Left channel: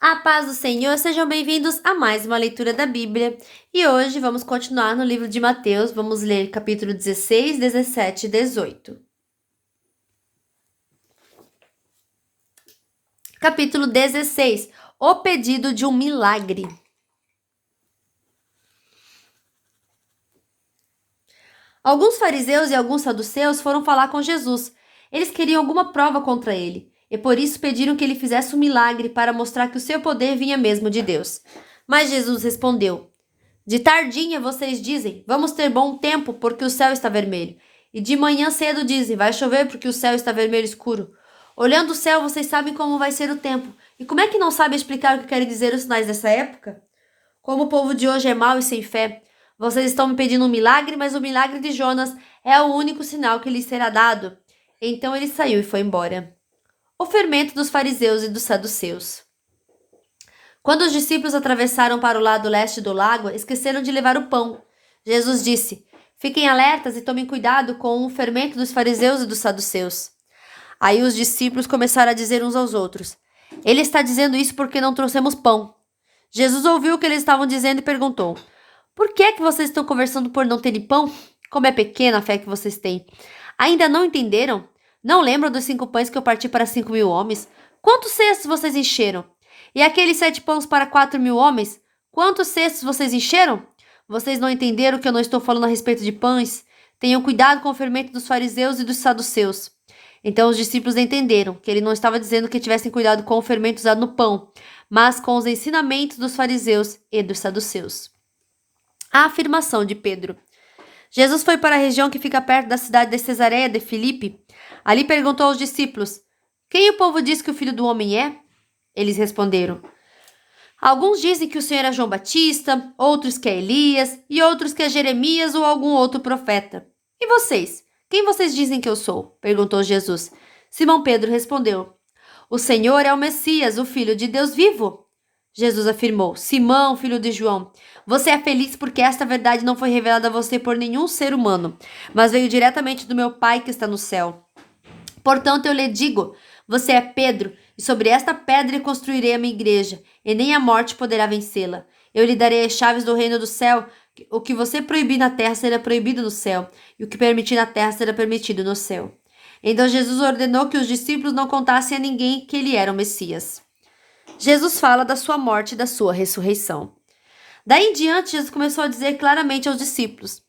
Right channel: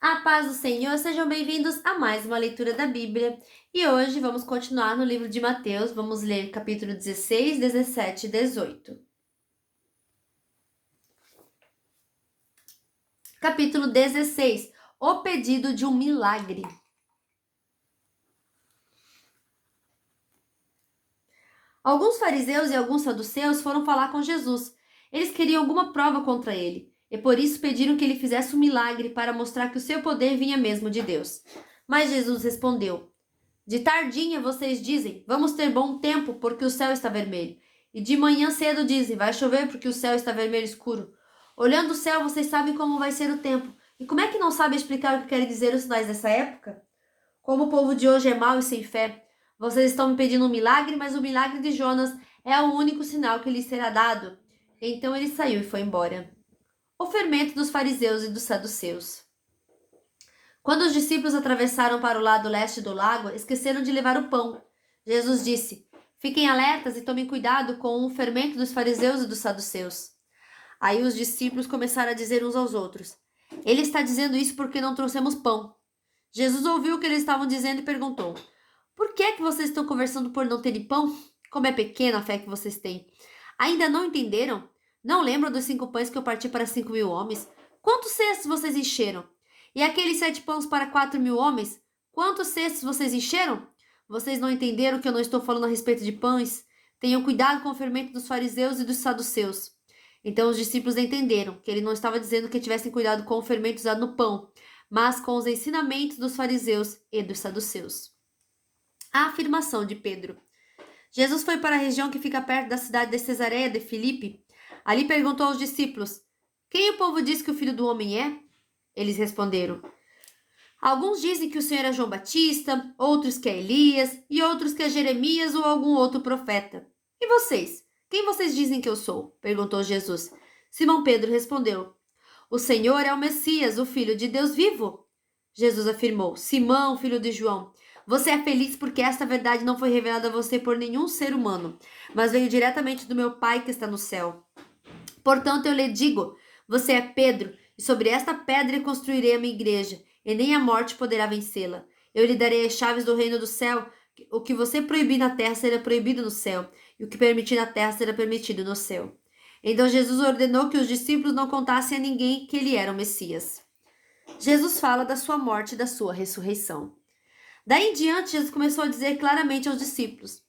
A paz do Senhor, sejam bem-vindos a mais uma leitura da Bíblia. E hoje vamos continuar no livro de Mateus, vamos ler capítulo 16, 17 e 18. Capítulo 16, o pedido de um milagre. Alguns fariseus e alguns saduceus foram falar com Jesus. Eles queriam alguma prova contra ele, e por isso pediram que ele fizesse um milagre para mostrar que o seu poder vinha mesmo de Deus. Mas Jesus respondeu: De tardinha vocês dizem, vamos ter bom tempo porque o céu está vermelho. E de manhã cedo dizem, vai chover porque o céu está vermelho escuro. Olhando o céu, vocês sabem como vai ser o tempo. E como é que não sabem explicar o que querem dizer os sinais dessa época? Como o povo de hoje é mau e sem fé, vocês estão me pedindo um milagre, mas o milagre de Jonas é o único sinal que lhes será dado. Então ele saiu e foi embora. O fermento dos fariseus e dos saduceus. Quando os discípulos atravessaram para o lado leste do lago, esqueceram de levar o pão. Jesus disse: Fiquem alertas e tomem cuidado com o fermento dos fariseus e dos saduceus. Aí os discípulos começaram a dizer uns aos outros: Ele está dizendo isso porque não trouxemos pão. Jesus ouviu o que eles estavam dizendo e perguntou: Por que é que vocês estão conversando por não terem pão? Como é pequena a fé que vocês têm. Ainda não entenderam? Não lembram dos 5 pães que eu parti para 5.000 homens? Quantos cestos vocês encheram? E aqueles 7 pães para 4.000 homens? Quantos cestos vocês encheram? Vocês não entenderam que eu não estou falando a respeito de pães? Tenham cuidado com o fermento dos fariseus e dos saduceus. Então os discípulos entenderam que ele não estava dizendo que tivessem cuidado com o fermento usado no pão, mas com os ensinamentos dos fariseus e dos saduceus. A afirmação de Pedro. Jesus foi para a região que fica perto da cidade de Cesareia de Filipe. Ali perguntou aos discípulos: Quem o povo diz que o Filho do Homem é? Eles responderam: Alguns dizem que o Senhor é João Batista, outros que é Elias e outros que é Jeremias ou algum outro profeta. E vocês? Quem vocês dizem que eu sou? Perguntou Jesus. Simão Pedro respondeu: O Senhor é o Messias, o Filho de Deus vivo. Jesus afirmou: Simão, filho de João, você é feliz porque esta verdade não foi revelada a você por nenhum ser humano, mas veio diretamente do meu Pai que está no céu. Portanto, eu lhe digo: você é Pedro, e sobre esta pedra construirei a minha igreja, e nem a morte poderá vencê-la. Eu lhe darei as chaves do reino do céu. O que você proibir na terra será proibido no céu, e o que permitir na terra será permitido no céu. Então Jesus ordenou que os discípulos não contassem a ninguém que ele era o Messias. Jesus fala da sua morte e da sua ressurreição. Daí em diante, Jesus começou a dizer claramente aos discípulos:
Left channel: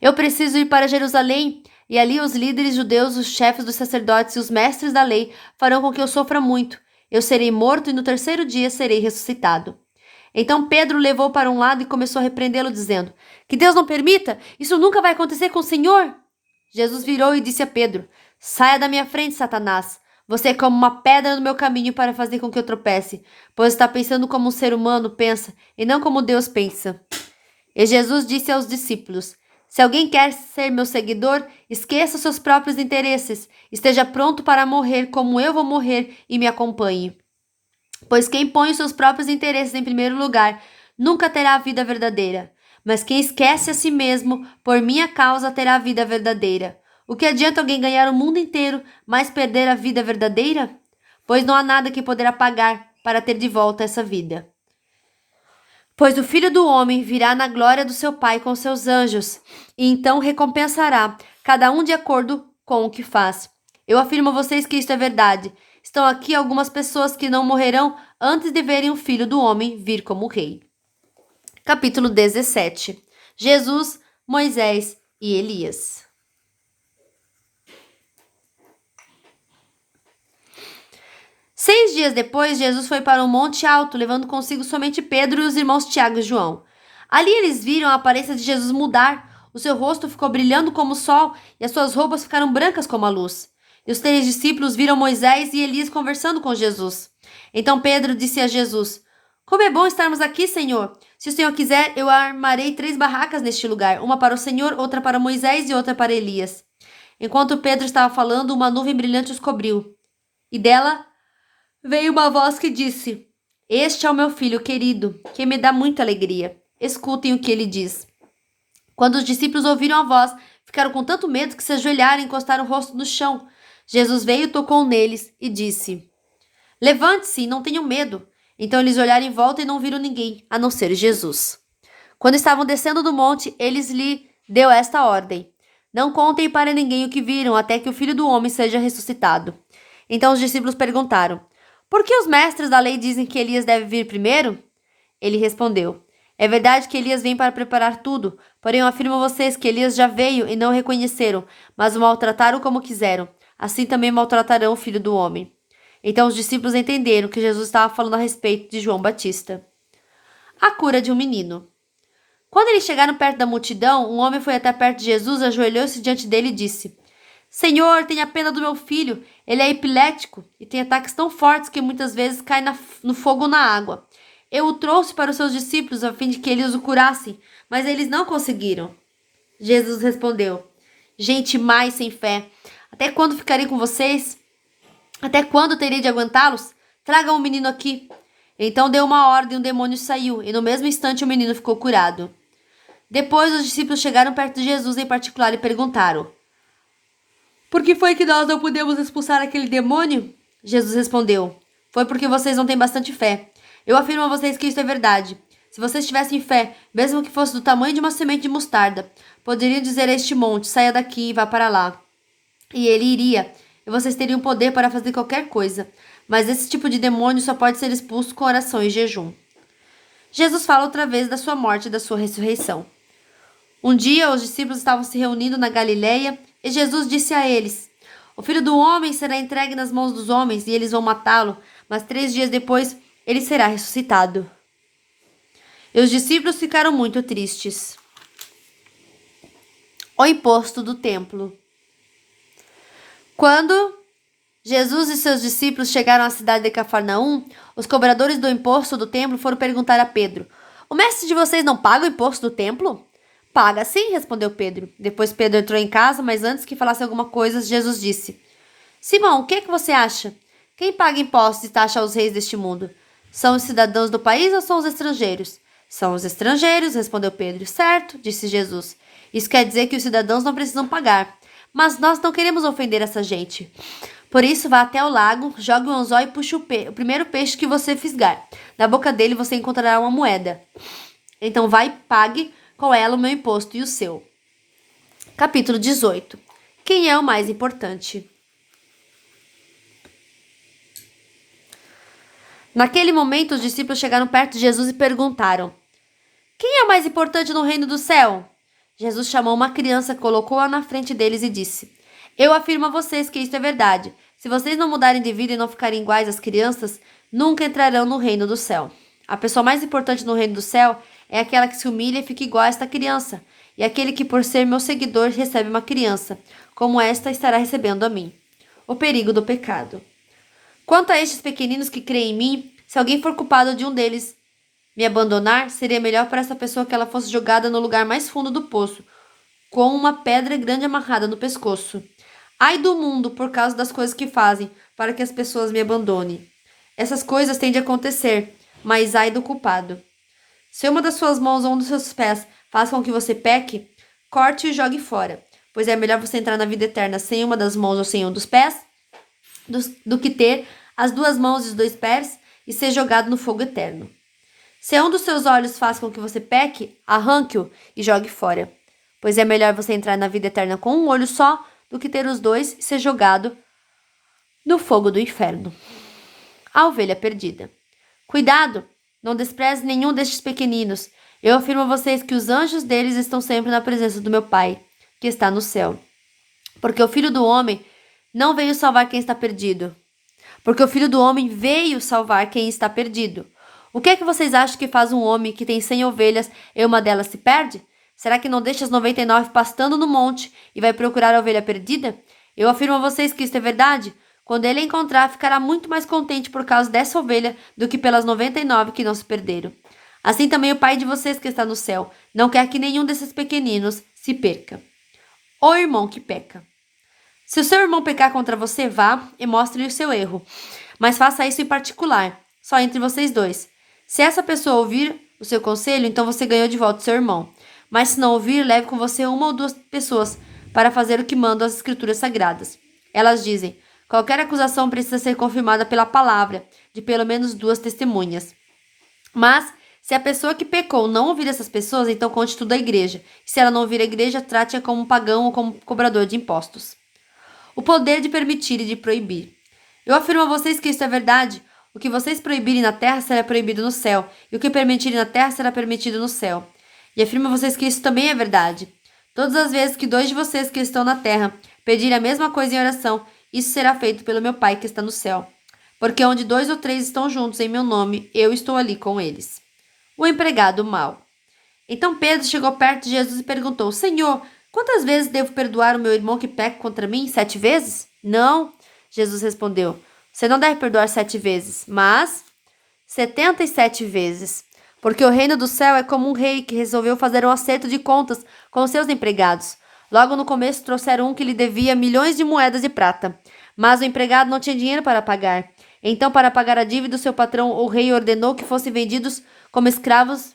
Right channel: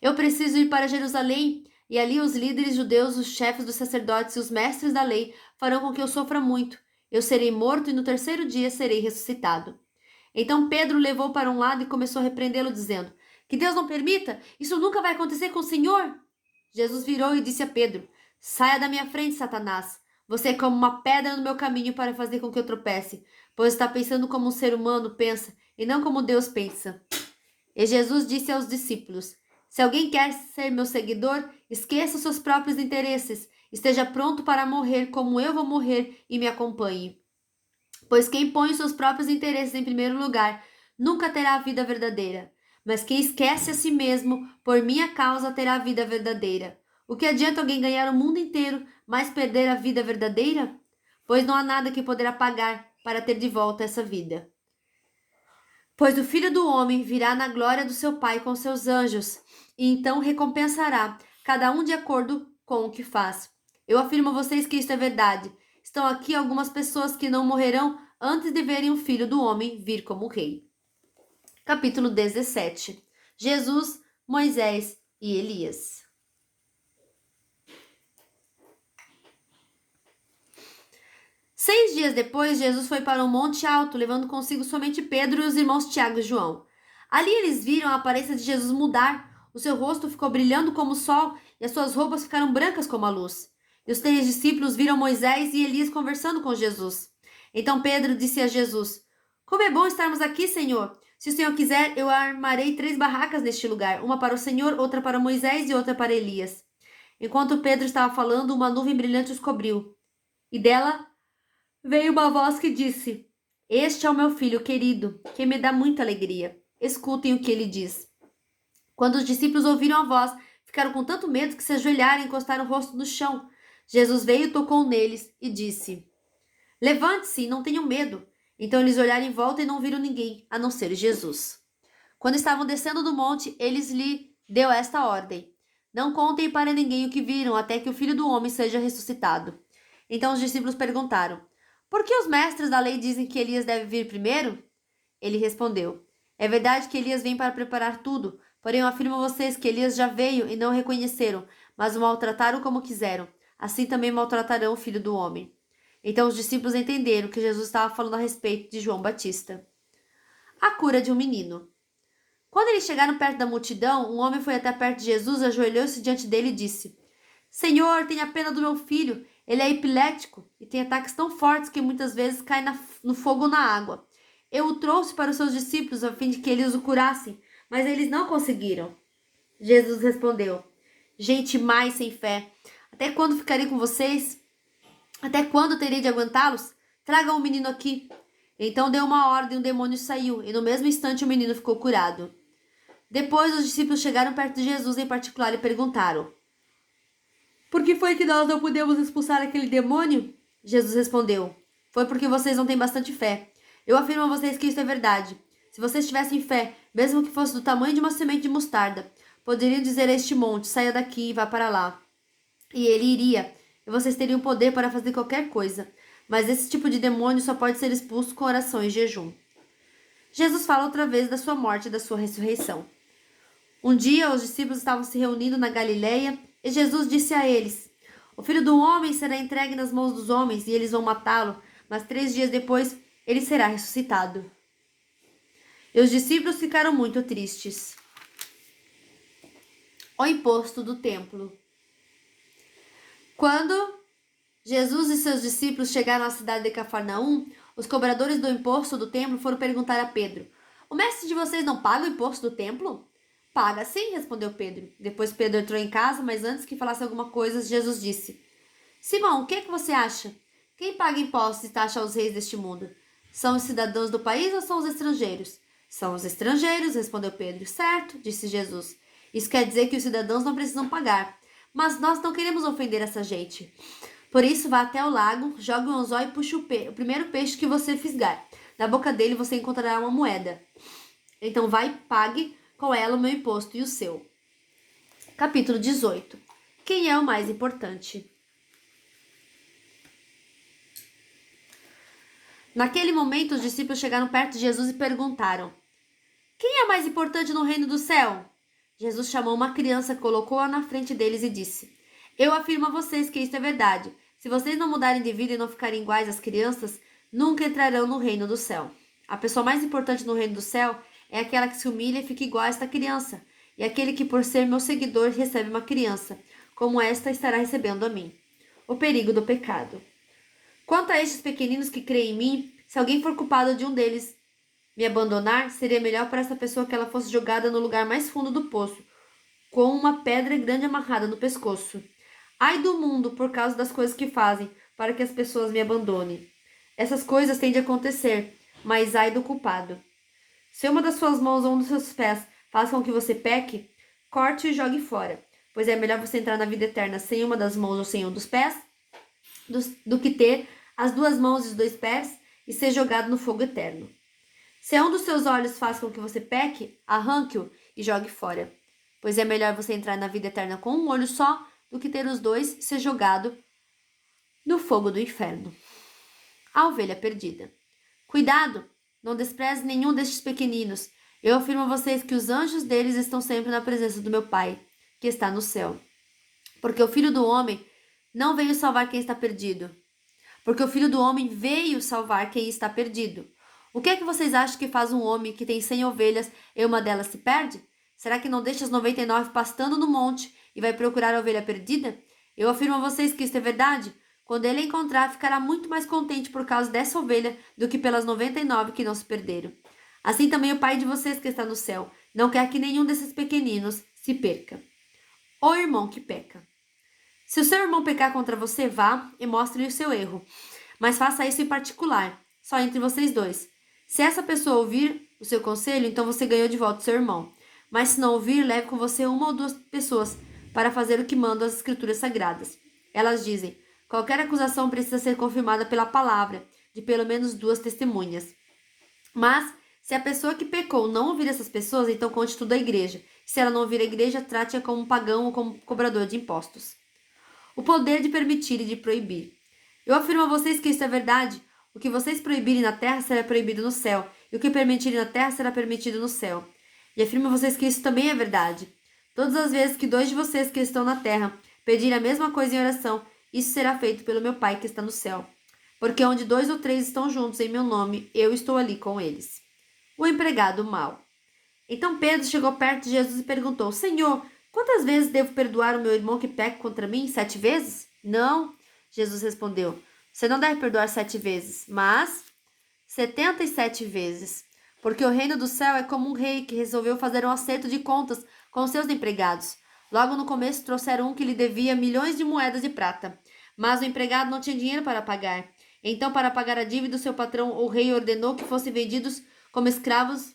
Eu preciso ir para Jerusalém, e ali os líderes judeus, os chefes dos sacerdotes e os mestres da lei farão com que eu sofra muito. Eu serei morto e no terceiro dia serei ressuscitado. Então Pedro o levou para um lado e começou a repreendê-lo, dizendo: Que Deus não permita! Isso nunca vai acontecer com o Senhor! Jesus virou e disse a Pedro: Saia da minha frente, Satanás! Você é como uma pedra no meu caminho para fazer com que eu tropece, pois está pensando como um ser humano pensa e não como Deus pensa. E Jesus disse aos discípulos: Se alguém quer ser meu seguidor, esqueça seus próprios interesses, esteja pronto para morrer como eu vou morrer e me acompanhe. Pois quem põe os seus próprios interesses em primeiro lugar nunca terá a vida verdadeira. Mas quem esquece a si mesmo, por minha causa, terá a vida verdadeira. O que adianta alguém ganhar o mundo inteiro, mas perder a vida verdadeira? Pois não há nada que poderá pagar para ter de volta essa vida. Pois o Filho do Homem virá na glória do seu Pai com seus anjos, e então recompensará cada um de acordo com o que faz. Eu afirmo a vocês que isto é verdade. Estão aqui algumas pessoas que não morrerão antes de verem o Filho do Homem vir como rei. Capítulo 17. Jesus, Moisés e Elias. Seis dias depois, Jesus foi para um monte alto, levando consigo somente Pedro e os irmãos Tiago e João. Ali eles viram a aparência de Jesus mudar. O seu rosto ficou brilhando como o sol e as suas roupas ficaram brancas como a luz. E os 3 discípulos viram Moisés e Elias conversando com Jesus. Então Pedro disse a Jesus: Como é bom estarmos aqui, Senhor! Se o Senhor quiser, eu armarei 3 barracas neste lugar, uma para o Senhor, outra para Moisés e outra para Elias. Enquanto Pedro estava falando, uma nuvem brilhante os cobriu. E dela veio uma voz que disse: Este é o meu filho querido, que me dá muita alegria. Escutem o que ele diz. Quando os discípulos ouviram a voz, ficaram com tanto medo que se ajoelharam e encostaram o rosto no chão. Jesus veio, tocou neles e disse: Levante-se e não tenham medo. Então eles olharam em volta e não viram ninguém, a não ser Jesus. Quando estavam descendo do monte, eles lhe deu esta ordem: Não contem para ninguém o que viram, até que o Filho do Homem seja ressuscitado. Então os discípulos perguntaram: Por que os mestres da lei dizem que Elias deve vir primeiro? Ele respondeu: É verdade que Elias vem para preparar tudo, porém eu afirmo a vocês que Elias já veio e não o reconheceram, mas o maltrataram como quiseram. Assim também maltratarão o Filho do Homem. Então os discípulos entenderam que Jesus estava falando a respeito de João Batista. A cura de um menino. Quando eles chegaram perto da multidão, um homem foi até perto de Jesus, ajoelhou-se diante dele e disse: Senhor, tenha pena do meu filho. Ele é epilético e tem ataques tão fortes que muitas vezes cai no fogo ou na água. Eu o trouxe para os seus discípulos a fim de que eles o curassem, mas eles não conseguiram. Jesus respondeu: Gente mais sem fé, até quando ficarei com vocês? Até quando terei de aguentá-los? Tragam o menino aqui. Então deu uma ordem e o demônio saiu, e no mesmo instante o menino ficou curado. Depois os discípulos chegaram perto de Jesus em particular e perguntaram: Por que foi que nós não pudemos expulsar aquele demônio? Jesus respondeu: Foi porque vocês não têm bastante fé. Eu afirmo a vocês que isso é verdade. Se vocês tivessem fé, mesmo que fosse do tamanho de uma semente de mostarda, poderiam dizer a este monte: Saia daqui e vá para lá. E ele iria, e vocês teriam poder para fazer qualquer coisa. Mas esse tipo de demônio só pode ser expulso com oração e jejum. Jesus fala outra vez da sua morte e da sua ressurreição. Um dia os discípulos estavam se reunindo na Galileia e Jesus disse a eles: O Filho do Homem será entregue nas mãos dos homens e eles vão matá-lo, mas 3 dias depois ele será ressuscitado. E os discípulos ficaram muito tristes. O imposto do templo. Quando Jesus e seus discípulos chegaram à cidade de Cafarnaum, os cobradores do imposto do templo foram perguntar a Pedro: O mestre de vocês não paga o imposto do templo? Paga sim, respondeu Pedro. Depois Pedro entrou em casa, mas antes que falasse alguma coisa, Jesus disse: Simão, o que é que você acha? Quem paga impostos e taxa aos reis deste mundo? São os cidadãos do país ou são os estrangeiros? São os estrangeiros, respondeu Pedro. Certo, disse Jesus. Isso quer dizer que os cidadãos não precisam pagar. Mas nós não queremos ofender essa gente. Por isso, vá até o lago, jogue um anzol e puxe o primeiro peixe que você fisgar. Na boca dele você encontrará uma moeda. Então vai e pague com ela o meu imposto e o seu. Capítulo 18. Quem é o mais importante? Naquele momento, os discípulos chegaram perto de Jesus e perguntaram: Quem é o mais importante no reino do céu? Jesus chamou uma criança, colocou-a na frente deles e disse: Eu afirmo a vocês que isso é verdade. Se vocês não mudarem de vida e não ficarem iguais às crianças, nunca entrarão no reino do céu. A pessoa mais importante no reino do céu é aquela que se humilha e fica igual a esta criança, e aquele que, por ser meu seguidor, recebe uma criança, como esta estará recebendo a mim. O perigo do pecado. Quanto a estes pequeninos que creem em mim, se alguém for culpado de um deles me abandonar, seria melhor para essa pessoa que ela fosse jogada no lugar mais fundo do poço, com uma pedra grande amarrada no pescoço. Ai do mundo por causa das coisas que fazem, para que as pessoas me abandonem. Essas coisas têm de acontecer, mas ai do culpado. Se uma das suas mãos ou um dos seus pés faz com que você peque, corte e jogue fora, pois é melhor você entrar na vida eterna sem uma das mãos ou sem um dos pés, do que ter as 2 mãos e os 2 pés e ser jogado no fogo eterno. Se um dos seus olhos faz com que você peque, arranque-o e jogue fora, pois é melhor você entrar na vida eterna com um olho só do que ter os 2 e ser jogado no fogo do inferno. A ovelha perdida. Cuidado! Não despreze nenhum destes pequeninos. Eu afirmo a vocês que os anjos deles estão sempre na presença do meu Pai, que está no céu. Porque o Filho do Homem não veio salvar quem está perdido. Porque o Filho do Homem veio salvar quem está perdido. O que é que vocês acham que faz um homem que tem 100 ovelhas e uma delas se perde? Será que não deixa as 99 pastando no monte e vai procurar a ovelha perdida? Eu afirmo a vocês que isso é verdade. Quando ele a encontrar, ficará muito mais contente por causa dessa ovelha do que pelas 99 que não se perderam. Assim também o Pai de vocês que está no céu não quer que nenhum desses pequeninos se perca. O irmão que peca. Se o seu irmão pecar contra você, vá e mostre-lhe o seu erro. Mas faça isso em particular, só entre vocês dois. Se essa pessoa ouvir o seu conselho, então você ganhou de volta o seu irmão. Mas se não ouvir, leve com você 1 ou 2 pessoas para fazer o que mandam as escrituras sagradas. Elas dizem: qualquer acusação precisa ser confirmada pela palavra. de pelo menos 2 testemunhas. Mas, se a pessoa que pecou não ouvir essas pessoas, então conte tudo à igreja. Se ela não ouvir a igreja, trate-a como um pagão ou como cobrador de impostos. O poder de permitir e de proibir. Eu afirmo a vocês que isso é verdade. O que vocês proibirem na terra será proibido no céu, e o que permitirem na terra será permitido no céu. E afirmo a vocês que isso também é verdade. Todas as vezes que 2 de vocês que estão na terra pedirem a mesma coisa em oração, isso será feito pelo meu Pai que está no céu. Porque onde 2 ou 3 estão juntos em meu nome, eu estou ali com eles. O empregado mau. Então Pedro chegou perto de Jesus e perguntou: Senhor, quantas vezes devo perdoar o meu irmão que peca contra mim? 7 vezes? Não, Jesus respondeu. Você não deve perdoar 7 vezes, mas 77 vezes. Porque o reino do céu é como um rei que resolveu fazer um acerto de contas com seus empregados. Logo no começo trouxeram um que lhe devia milhões de moedas de prata. Mas o empregado não tinha dinheiro para pagar. Então, para pagar a dívida do seu patrão, o rei ordenou que fossem vendidos como escravos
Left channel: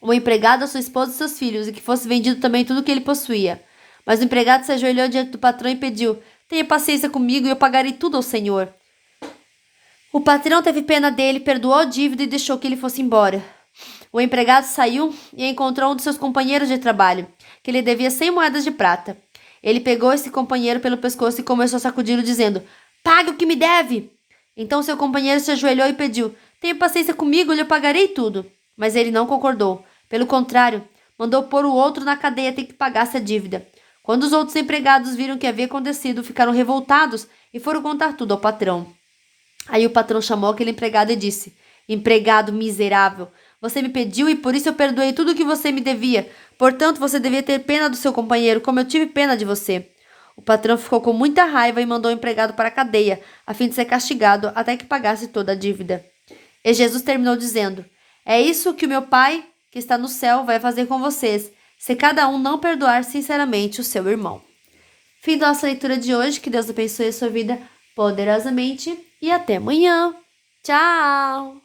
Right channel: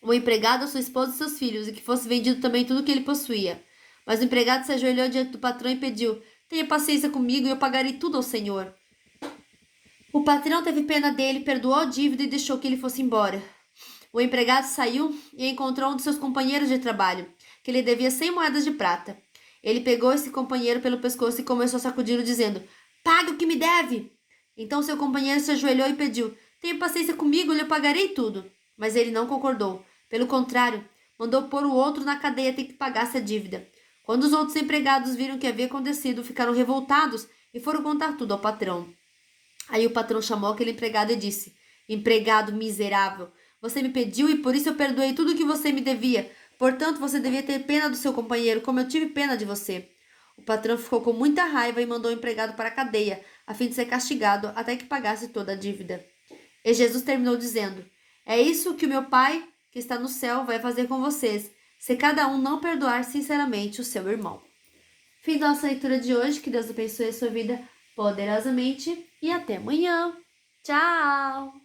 o empregado, a sua esposa e seus filhos, e que fosse vendido também tudo o que ele possuía. Mas o empregado se ajoelhou diante do patrão e pediu: Tenha paciência comigo e eu pagarei tudo ao Senhor. O patrão teve pena dele, perdoou a dívida e deixou que ele fosse embora. O empregado saiu e encontrou um de seus companheiros de trabalho, que lhe devia 100 moedas de prata. Ele pegou esse companheiro pelo pescoço e começou a sacudi-lo, dizendo: Pague o que me deve! Então seu companheiro se ajoelhou e pediu: Tenha paciência comigo, eu lhe pagarei tudo. Mas ele não concordou. Pelo contrário, mandou pôr o outro na cadeia até que pagasse a dívida. Quando os outros empregados viram o que havia acontecido, ficaram revoltados e foram contar tudo ao patrão. Aí o patrão chamou aquele empregado e disse: Empregado miserável, você me pediu e por isso eu perdoei tudo o que você me devia. Portanto, você devia ter pena do seu companheiro, como eu tive pena de você. O patrão ficou com muita raiva e mandou o empregado para a cadeia, a fim de ser castigado até que pagasse toda a dívida. E Jesus terminou dizendo: É isso que o meu Pai, que está no céu, vai fazer com vocês, se cada um não perdoar sinceramente o seu irmão. Fim da nossa leitura de hoje. Que Deus abençoe a sua vida poderosamente e até amanhã. Tchau!